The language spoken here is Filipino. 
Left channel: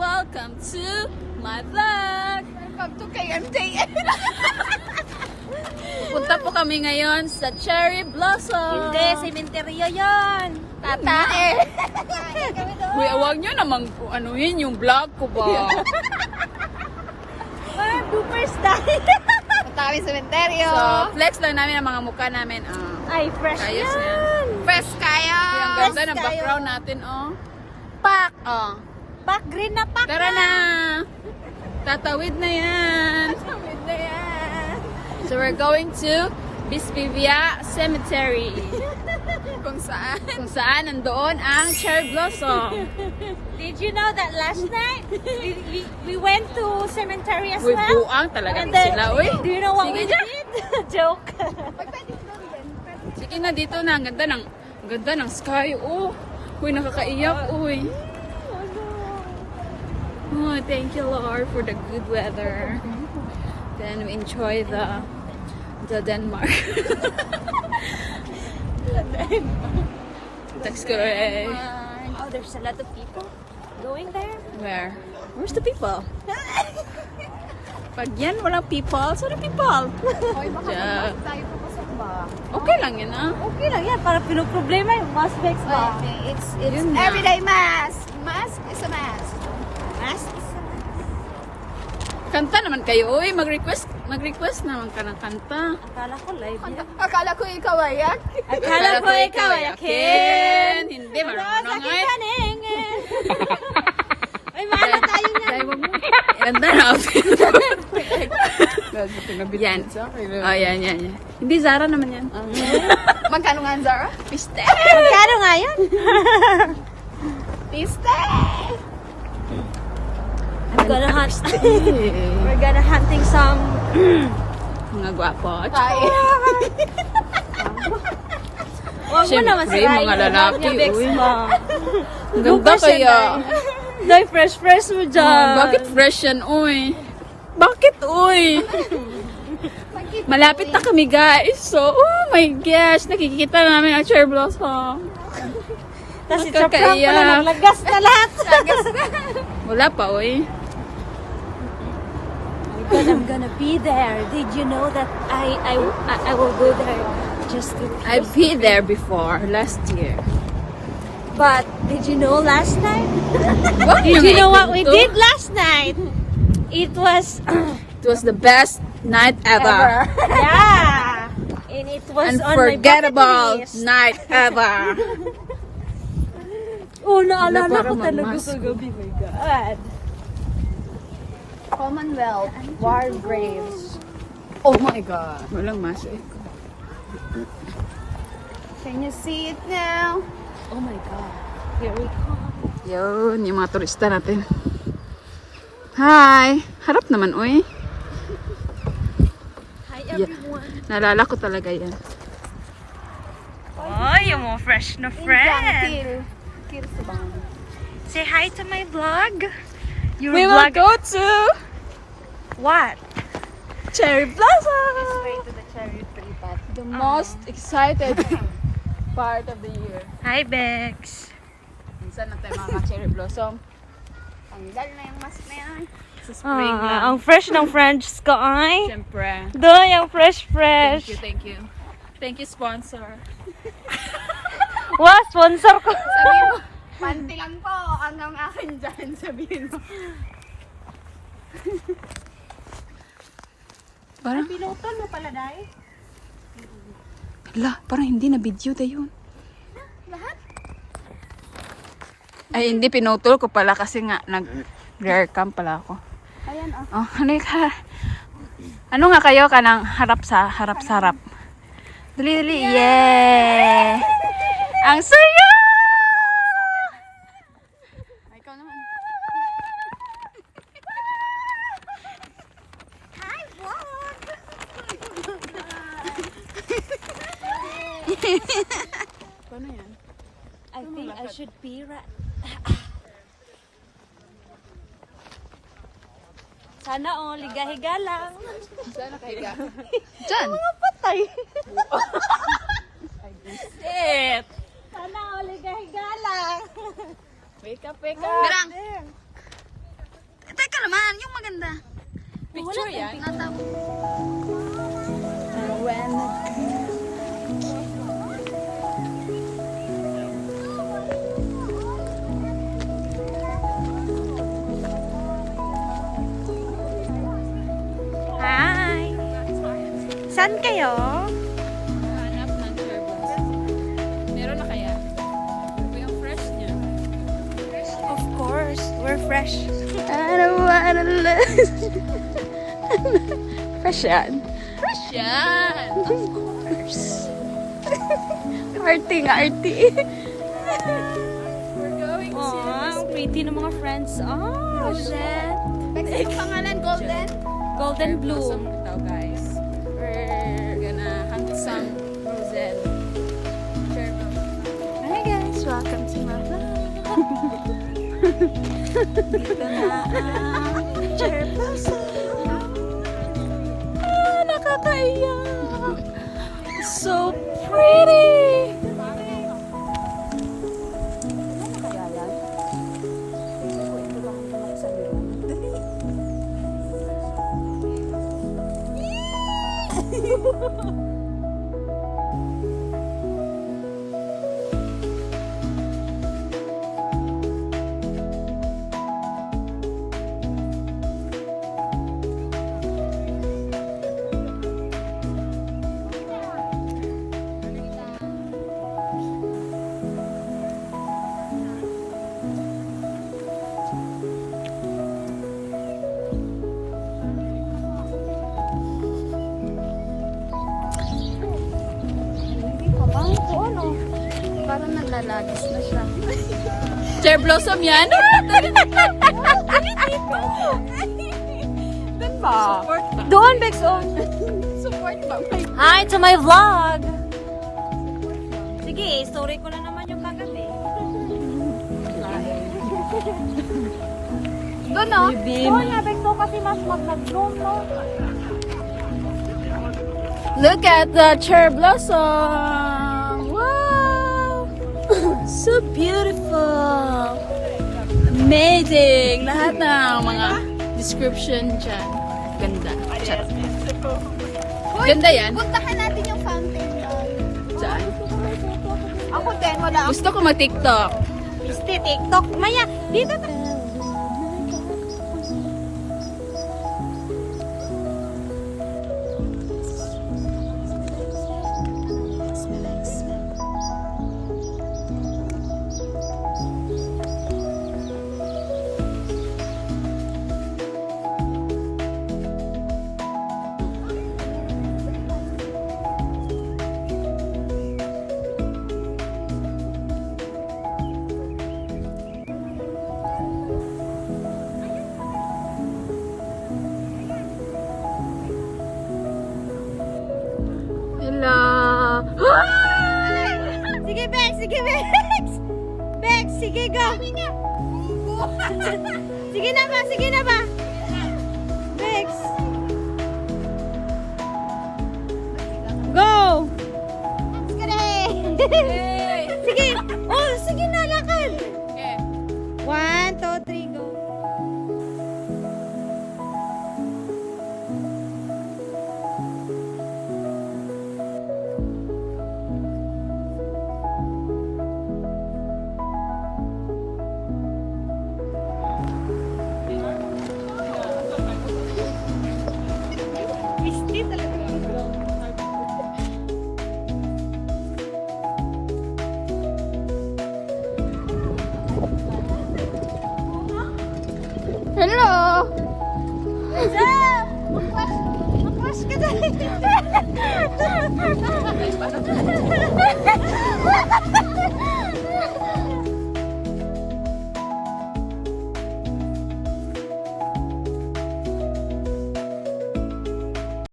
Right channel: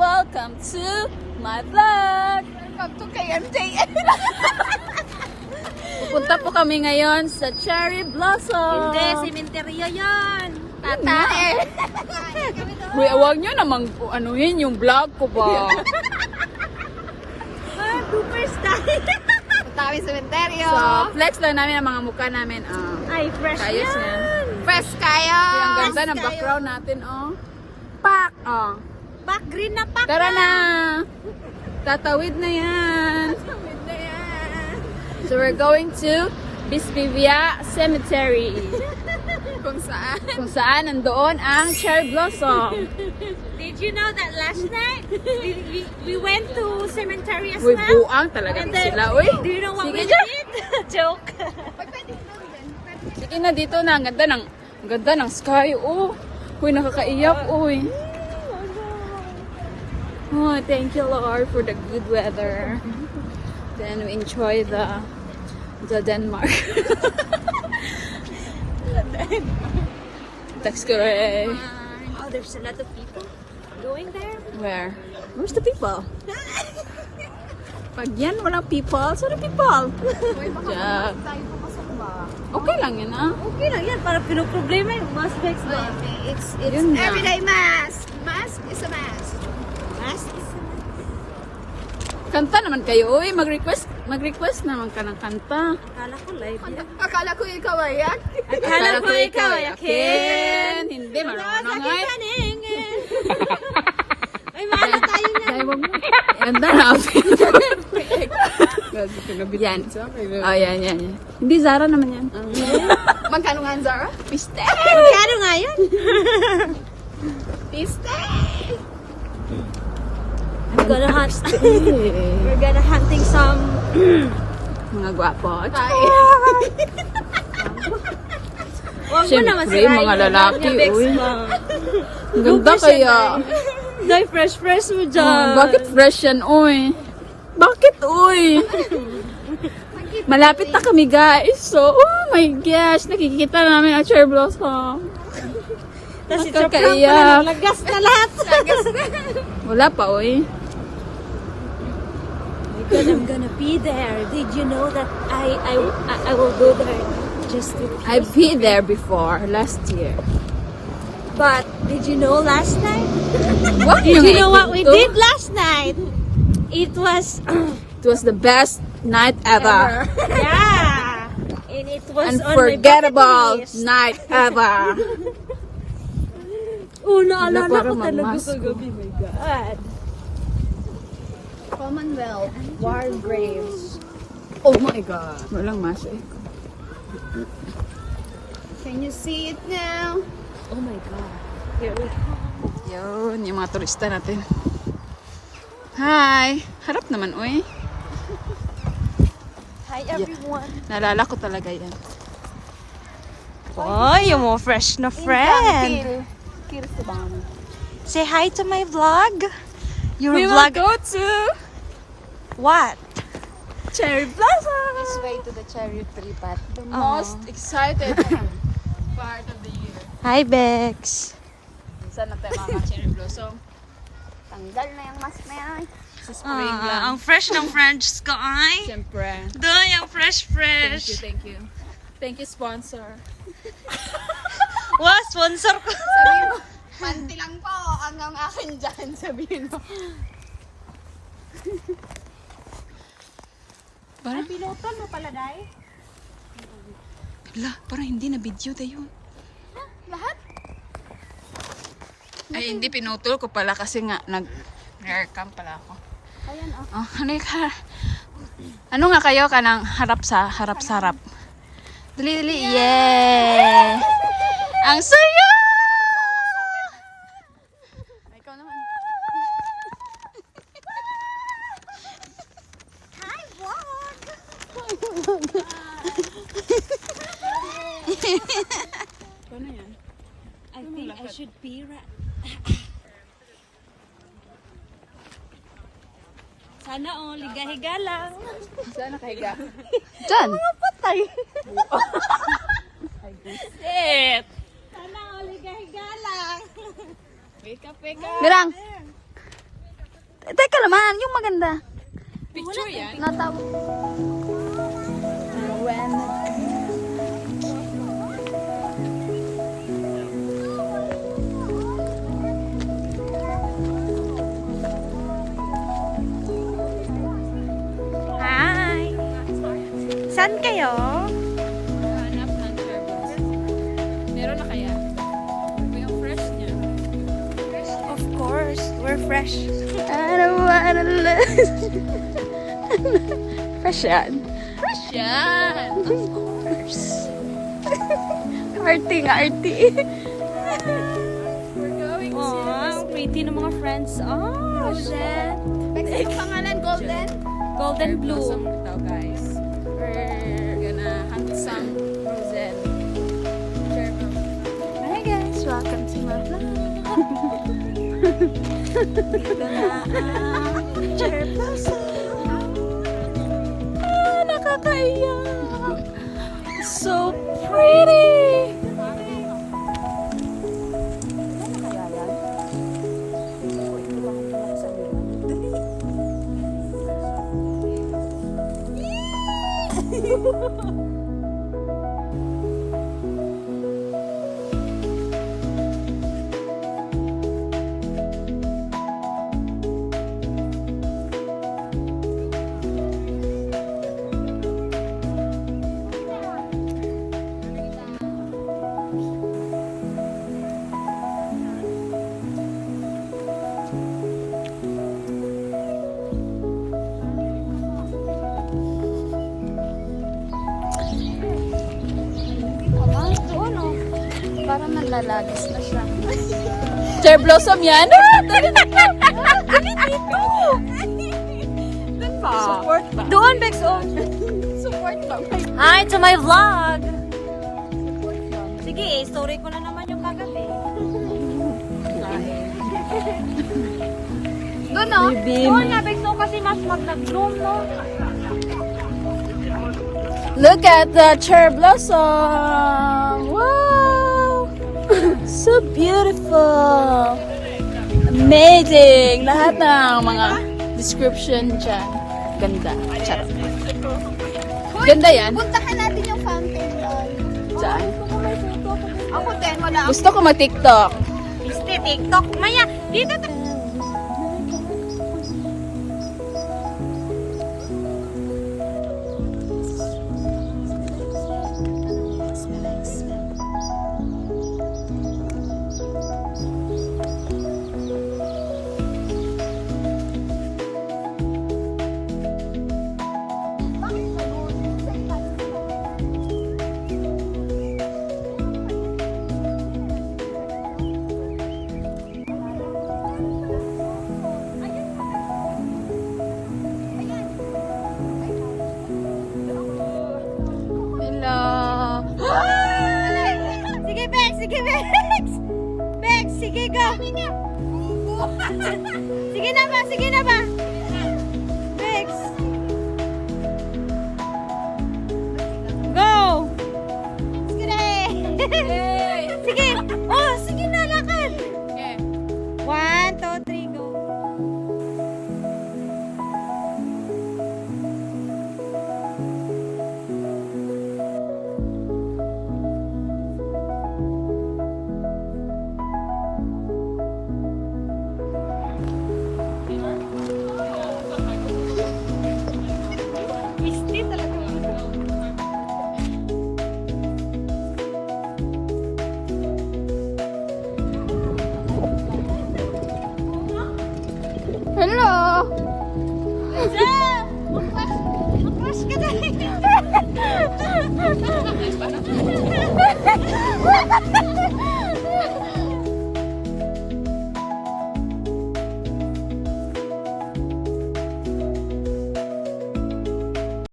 welcome to my vlog! Welcome to KMJN. Pupunta po kami ngayon sa Cherry Blossom! Hindi, sementeryo yan. Tatae! Uy, awag nyo namang anuhin yung vlog ko ba? Bloopers tayo. Punta kami sementeryo. So, flex lang namin ang mga mukha namin. Ay, fresh Kayos yan. yan. Fresh kayo. Ang ganda ng background natin, oh. Pak! Oh. Pak, green na pak. Tara na! Tatawid na yan! So we're going to Bispivia Cemetery. Kung saan nandoon ang cherry blossom. Did you know that last night we went to cemetery as Uy, well? buang talaga And then, sila. Uy, do you know what sige we dyan. did? Joke. Sige na dito na. Ang ganda ng sky. Oh. Uy, nakakaiyak. Uy. Oh, thank you Lord for the good weather. Then we enjoy the Denmark. Text ko eh. Oh, there's a lot of people going there. Where? Where's the people? Pag yan, walang people. Saan ang people? Yeah. Tayo papasok ba? Okay lang yun, ah. Okay lang yan. Para pinoproblema yung mask next ba? It's Yun na. everyday mask. Mask is a mask. Mask is a mask. Kanta naman kayo. Uy, mag-request naman ka ng kanta. Akala ko live yun. Akala ko ikaw ayak. Akala ko ikaw ayakin. Hindi, marunong ay. Ay, mahala tayo na. Ganda na. Yan. Oh, yan. Hindi, Zara naman yan. Magkano nga ang Zara? Piste. Magkano nga yun? Piste. We're gonna hunting some Mga gwapo. Huwag mo naman Siyempre, sirain mga yung lalaki, mga uy. bits mo. Ang ganda kaya. Dahil fresh mo dyan. Bakit fresh yan, uy? Bakit, uy? Malapit na kami, guys. So, oh my gosh. Nakikita na namin ang cherry blossom. Nakakaiyak. Lagas na lahat. Wala pa, uy. But I'm gonna be there. Did you know that I will go there just to I've been there before, last year. But did you know last night? What? Did you know what we did last night? It was It was the best night ever. yeah. And it was Unforgettable on my bucket list. night ever. Oh, naalala Para ko talaga mamasko. sa gabi. My God. Commonwealth. War Graves. Oh my God. Walang masik. Can you see it now? Oh my God. Here we come. Yun, yung mga turista natin. Hi! Harap naman, uy. Hi everyone. Naalala ko talaga yan. Oh, yung more fresh na friend. Say hi to my vlog. Your We will vlog. go to What? Cherry Blossom! To the cherry tree. The most excited part of the year. Hi, Bex. Minsan na tayo mga cherry blossom. Tanggal na yung mask na yan. Sa spring lang. Ang fresh ng friends ko ay. Siyempre. Doon yung fresh. Thank you. Thank you, sponsor. Wow, sponsor ko. Sabihin mo, kanti lang po ang akin dyan. Sabihin mo. Parang, Pilotan mo pala, Day. parang hindi na video na yun. Lahat? Ay, hindi, pinutol ko pala kasi nga nag-rear cam pala ako. Ayan, Oh, ano nga kayo kanang harap sa harap? Dali. Yeah! Ang saya! Ikaw naman. Hi, vlog! Paano yan? I think I should be right. Sana ligahiga lang. Saan nakahiga? Diyan! Patay. Shit! Sana ligahiga lang. Wake up! Mirang! Teka naman, yung maganda. Picture yan? Nataw. When Hi! Saan kayo? hanap ng cherry blossom. Meron na kaya? Yung fresh niya. Of course, we're fresh. I don't wanna lose. Fresh yan. Fresh yan. Of course. Arty nga, arty. We're going Wow, pretty ng mga friends. Oh, Rosette. Ang pangalan, Golden? golden bloom. Ito, guys. We're gonna hunt some Rosette. Cherry blossom. Hi guys, welcome to my vlog. Dito na ang cherry blossom. Ah, nakakaiyak. So pretty. Parang nalalagis na siya. Cherry blossom yan? Support ba? Doon, Bex, on. Support lang. Hi to my vlog. Sige, story ko na naman yung kagabi. Doon, no? Oo na, Bex, no, kasi mas mag-bloom, no? Look at the cherry blossom! Wow! So beautiful! Amazing! Lahat ng mga description dyan. Ganda. Charot. Ganda yan. Puntahan natin yung fountain doon. Saan? Ako din, wala Gusto ko mag-tiktok. Gusto, TikTok. Maya, dito na. Hello! Sige, Bex! Sige, Bex! Bex, sige, go! Sige na ba? Sige na ba? Bex! Go! Sige! Oh, sige na, lakad! Okay. 1, 2, 3, go! Hello! Makwas ka na!